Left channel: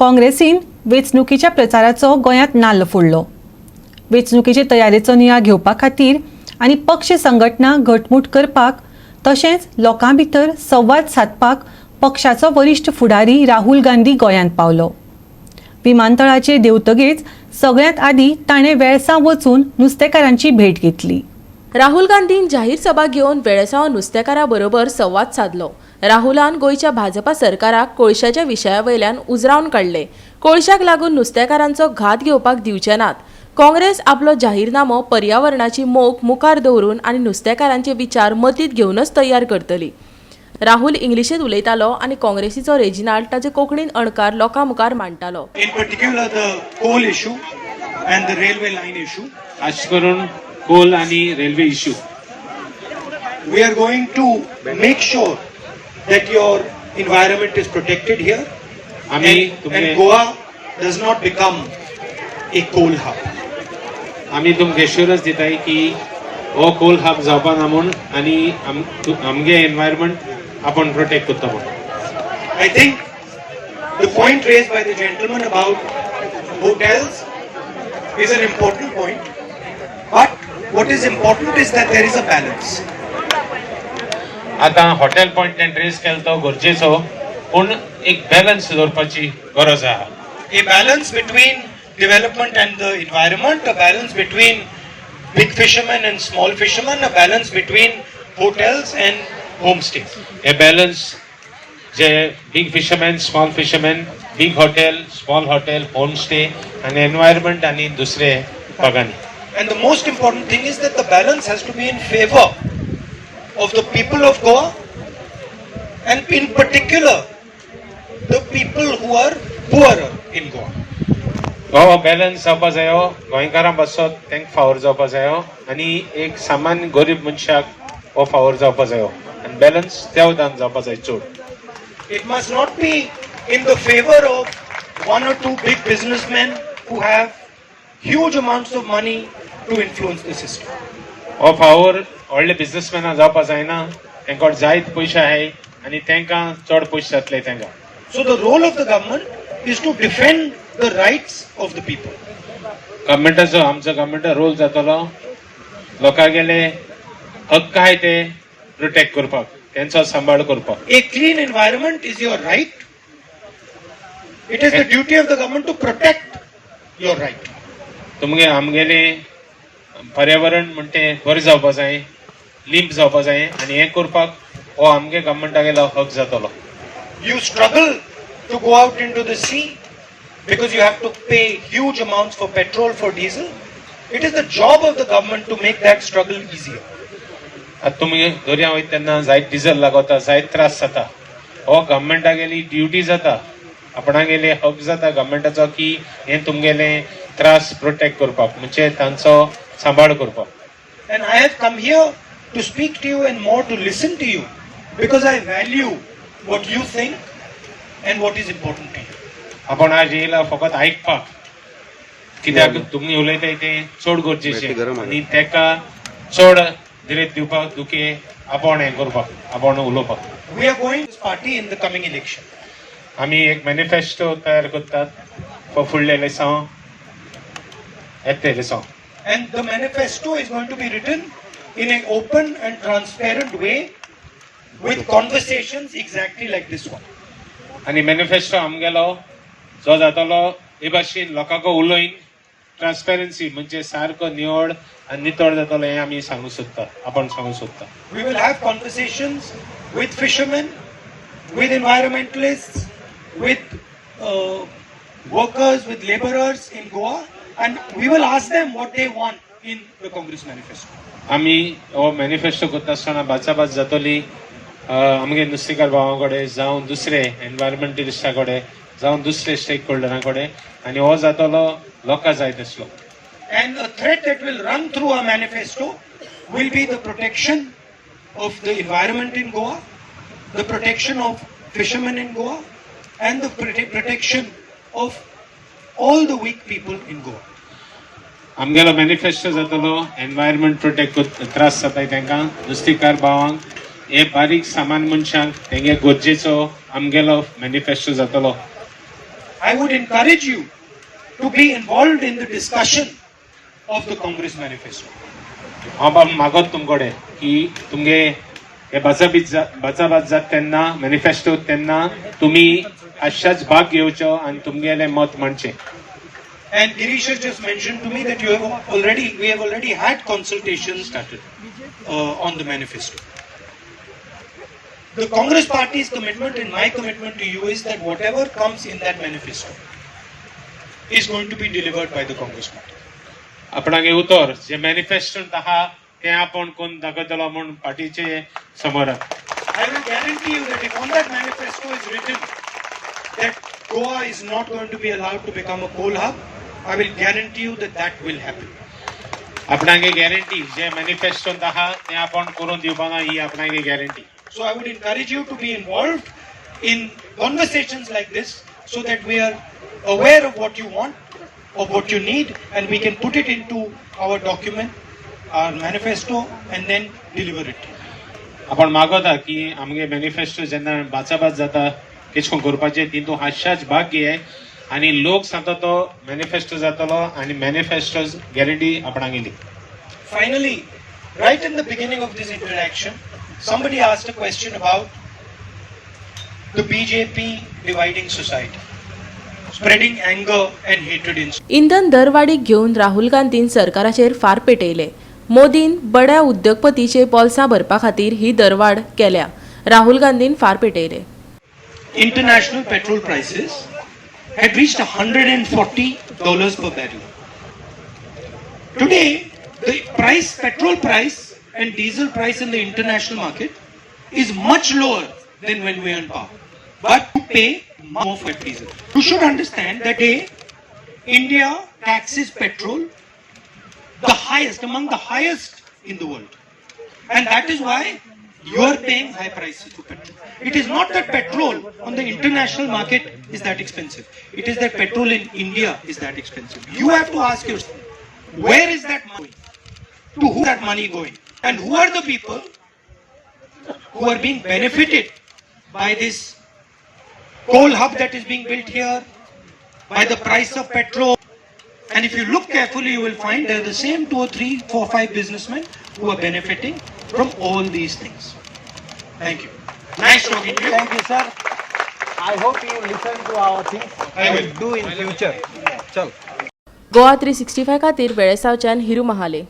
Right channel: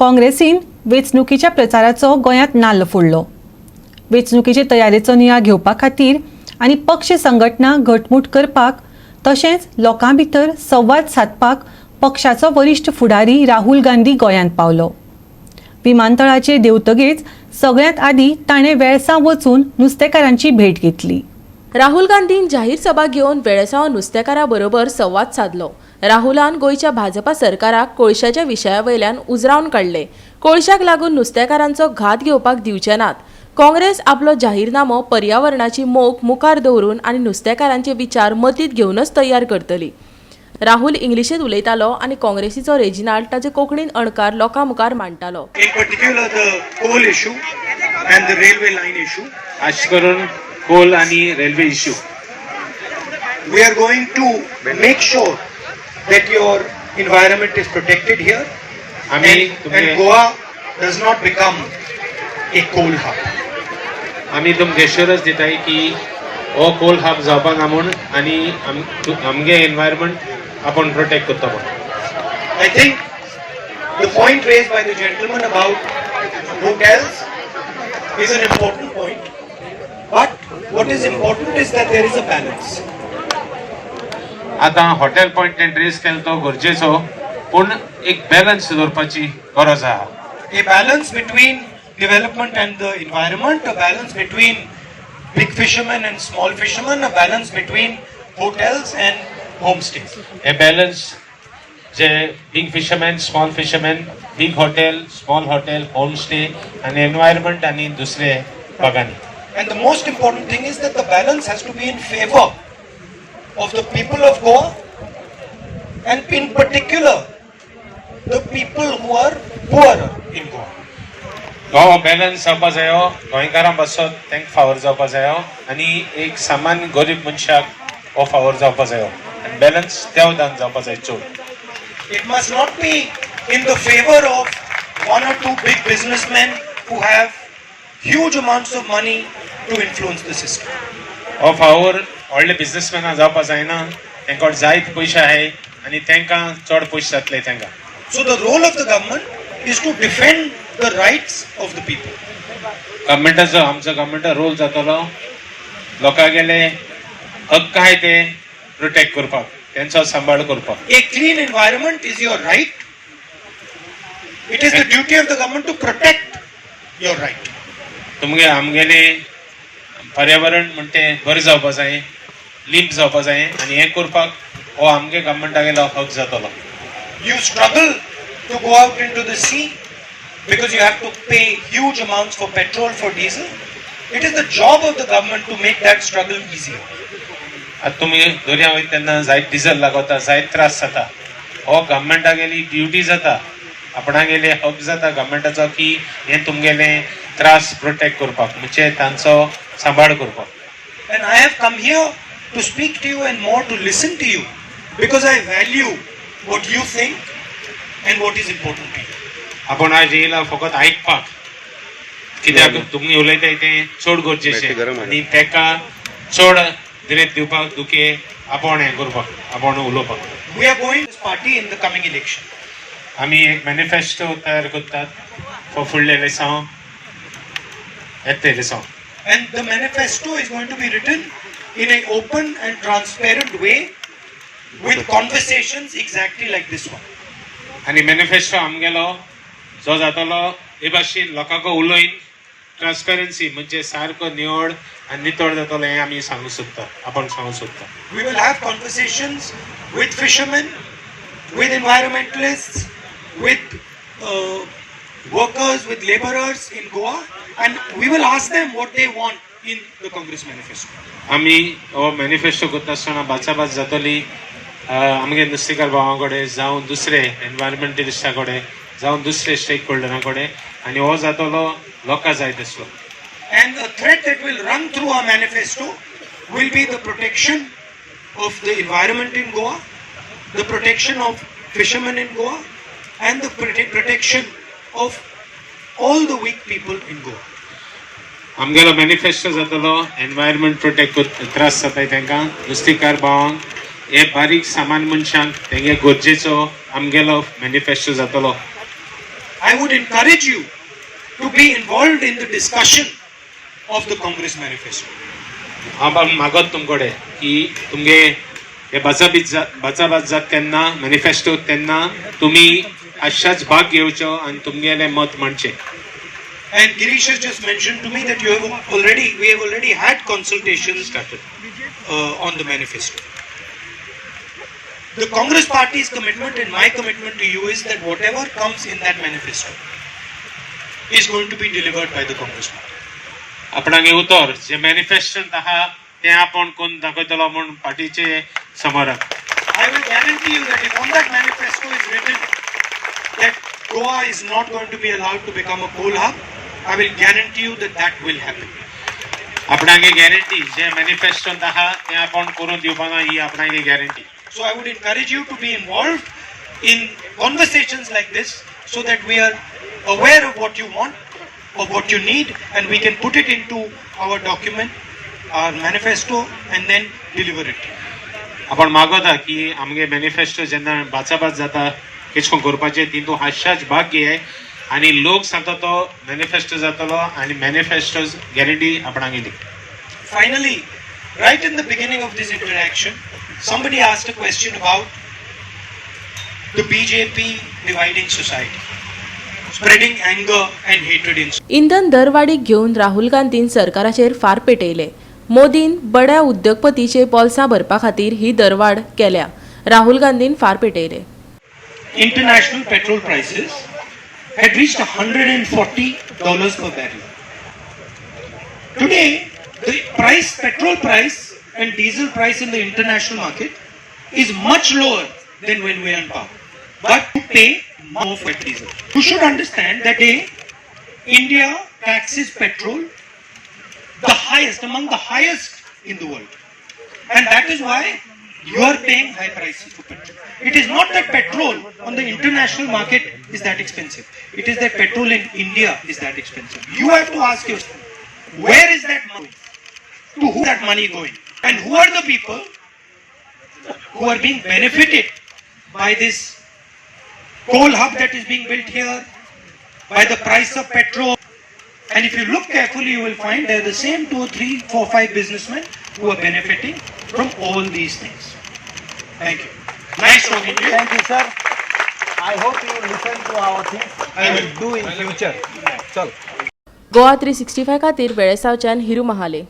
काँग्रेसीन वेंचणुकीच्या प्रचाराचो गोंयांत नाल्ल फोडलो. वेंचणुकीचे तयारेचो नियाळ घेवपा खातीर आनी पक्ष संघटना घटमूट करपाक तशेंच लोकां भितर संवाद सादपाक पक्षाचो वरिश्ठ फुडारी राहुल गांधी गोंयांत पावलो. विमानतळाचेर देवतगेच सगळ्यांत आदीं ताणें वेळसांव वचून नुस्तेकारांची भेट घेतली. राहुल गांधीन जाहीर सभा घेवन वेळसांव नुस्तेकारां बरोबर संवाद साधलो. राहुलान गोंयच्या भाजपा सरकाराक कोळशाच्या विशया वयल्यान उजरावन काडले. कोळशाक लागून नुस्तेकारांचो घात घेवपाक दिवचे नात. काँग्रेस आपलो जाहीरनामो पर्यावरणाची मोख मुखार दवरून आनी नुस्तेकारांचे विचार मतींत घेवनच तयार करतली. राहुल इंग्लिशींत उलयतालो आनी काँग्रेसीचो रेजिनाल्ड ताचे कोंकणीन अणकार लोकां मुखार मांडटालो. In particular the coal issue and the railway line issue. खास करून कोल आणि railway issue. We are going to make sure that your environment is protected here and Goa does not become a coal hub. आम्ही तुमकां assurance दिताय की हो कोल hub जावपा ना म्हूण आनी आमगे एनवायरमेंट आपण प्रोटेक्ट करता म्हणून. I think the point raised by the gentleman about hotels is an important point, but what is important is that there is a balance. आता हॉटेल पॉइंट एंड रेस केलो तो गरजेचो, पूण एक बॅलन्स दवरपाची गरज आहा. A balance between development and the environment, a balance between big fishermen and small fishermen, a balance between hotels and homestays. हे balance जे big fisherman, small fisherman, big hotel, small hotel, home stay आणि environment आणि दुसरे बागांनी. And the most important thing is that the balance has to be in favor of the people of Goa and in particular the people who are poorer in Goa. हो balance जावपा जायो, गोंयकारां बसत तांकां फावर जावपा जायो आनी एक सामान्य गरीब मनशाक हो फावर जावपा जायो आनी बॅलन्स त्या उदान जावपा जाय चड. It must not be in the favor of one or two big businessmen who have huge amounts of money to influence the system. हो फावर व्हडले बिझनेसमॅनां जावपा जायना, तांकां जायत पयशे आहाय आनी तांकां चड पयशे जातले तांकां. So the role of the government is to defend the rights of the people. गव्हर्मेंटाचो आमचो गव्हर्मेंटा रोल जातलो लोकांगेले हक्क आहाय ते प्रोटेक्ट करपाक, तांचो सांबाळ करपाक. A clean environment is your right. It is the duty of the government to protect your right. तुमगे आमगेले पर्यावरण म्हणटे बरें जावपा जाय, लिंप जावपा जाय आनी हें करपाक हो आमगे गव्हर्मेंटागेलो हक जातलो. You struggle to go out into the sea because you have to pay huge amounts for petrol, for diesel. It is the job of the government to make that struggle easier. आतां तुमी दर्या वयता तेन्ना जायत diesel लागता, जायत त्रास जाता. हो गव्हर्मेंटागेली ड्युटी जाता, आपणागेले हक जाता गव्हर्मेंटाचो की हें तुमगेले त्रास प्रोटेक्ट करपाक, म्हणजे तांचो सांबाळ करपाक. And I have come here to speak to you and more to listen to you because I value what you think and what is important to you. आपण आज येयला फकत आयकपाक, कित्याक तुमी उलयताय तें चड गरजेचें आनी ताका चड दिरेत दिवपाक दुखे आपण हें करपाक, आपण उलोवपाक. We are going to this party in the coming election. आमी एक मॅनिफेस्टो तयार करतात फॉर फुडले लेसांव, येते लेसांव. And the manifesto is going to be written in an open and transparent way with conversations exactly like this one. आनी manifesto आमगेलो जो जातलो हे भाशेन लोकांक उलयन ट्रान्सपेरन्सी म्हणजे सारको निवड आनी नितळ जातलो हें आमी सांगूंक सोदता, आपण सांगूंक सोदता. We will have conversations with fishermen, with environmentalists, with workers, with laborers in Goa, and we will ask them what they want in the Congress manifesto. आमी हो मॅनिफेस्टो करता आसतना बाचाबाच जातली आमगे नुस्तेकार भावां कडेन जावं दुसरे एनवायरमेंटलिस्टा कडेन जावं दुसरे स्टेक होल्डरां कडेन आनी हो जातलो लोकां जाय तसलो. And a thread that will run through our manifesto will be the protection of the environment in Goa, the protection of fishermen in Goa, and the protection of all the weak people in Goa. आमगेलो manifesto जातलो environment protect त्रास जाताय तांकां, नुस्तेकार भावांक, हे बारीक सामान मनशांक तेंगे गरजेचो आमगेलो मॅनिफेस्टो जातलो. I would encourage you to be involved in the discussion of the Congress manifesto. हांव बाब मागत तुमकडे की तुमगे हे बचाबाच जात तेन्ना मॅनिफेस्टो तेन्ना तुम्ही अशाच भाग घेवचो आणि तुमगेले मत म्हणचे. And Girish has just mentioned to me that we have already had consultations on the manifesto. The Congress Party's commitment and my commitment to you is that whatever comes in that manifesto is going to be delivered by the Congress Party. आपणागे उतर जे मॅनिफेस्टोंत आहा ते आपण कोण दाखयतलो म्हूण पार्टीचे समोर. I will guarantee you that if on that manifesto is written that Goa is not going to be allowed to become a coal hub, I will guarantee you that that will happen. आपणागे guarantee जे मॅनिफेस्टोंत आहा ते आपण करून दिवपाना ही आपणागे guarantee. So I would encourage you to be involved in conversations like this so that we are aware of what you want, of what you need, and we can put it into our document, our manifesto, and then deliver it. आपण मागोता की आमगे manifesto जेन्ना बाचाबाच जाता कितें करपाचें तितून हास्याच भाग घे आनी लोक सांगता तो मॅनिफेस्टो जातलो आनी मॅनिफेस्टो गॅरंटी आपणागे दी. Finally, right in the beginning of this interaction, somebody asked a question about the BJP dividing society, spreading anger and hatred in. इंधन दरवाडीक घेऊन राहुल गांधीन सरकाराचेर फार पेटयले. मोदीन बड्या उद्योगपतीचे बोल्सां भरपा खातीर ही दरवाड केल्या. Rahul Gandhian far पेटयले. International petrol prices had reached $140 per barrel. Today, the petrol price and diesel price in the international market is much lower than when we are in power. But you pay more for diesel. You should understand that India taxes petrol the highest, among the highest in the world. And that is why you are paying high prices for petrol. It is not that petrol on the international market is that expensive. It is that petrol in India is that expensive. You have to ask yourself, where is that money? To who is that money going? And who are the people who are being benefited by this coal hub that is being built here, by the price of petrol? And if you look carefully, you will find they are the same 2, 3, 4, 5 businessmen who are benefiting from all these things. Thank you. Nice talking to you. Thank you, sir. I hope you listen to our things. I will. Do in future. Chal. Goa 365 खातीर वेळेसावच्यान हिरू महाले.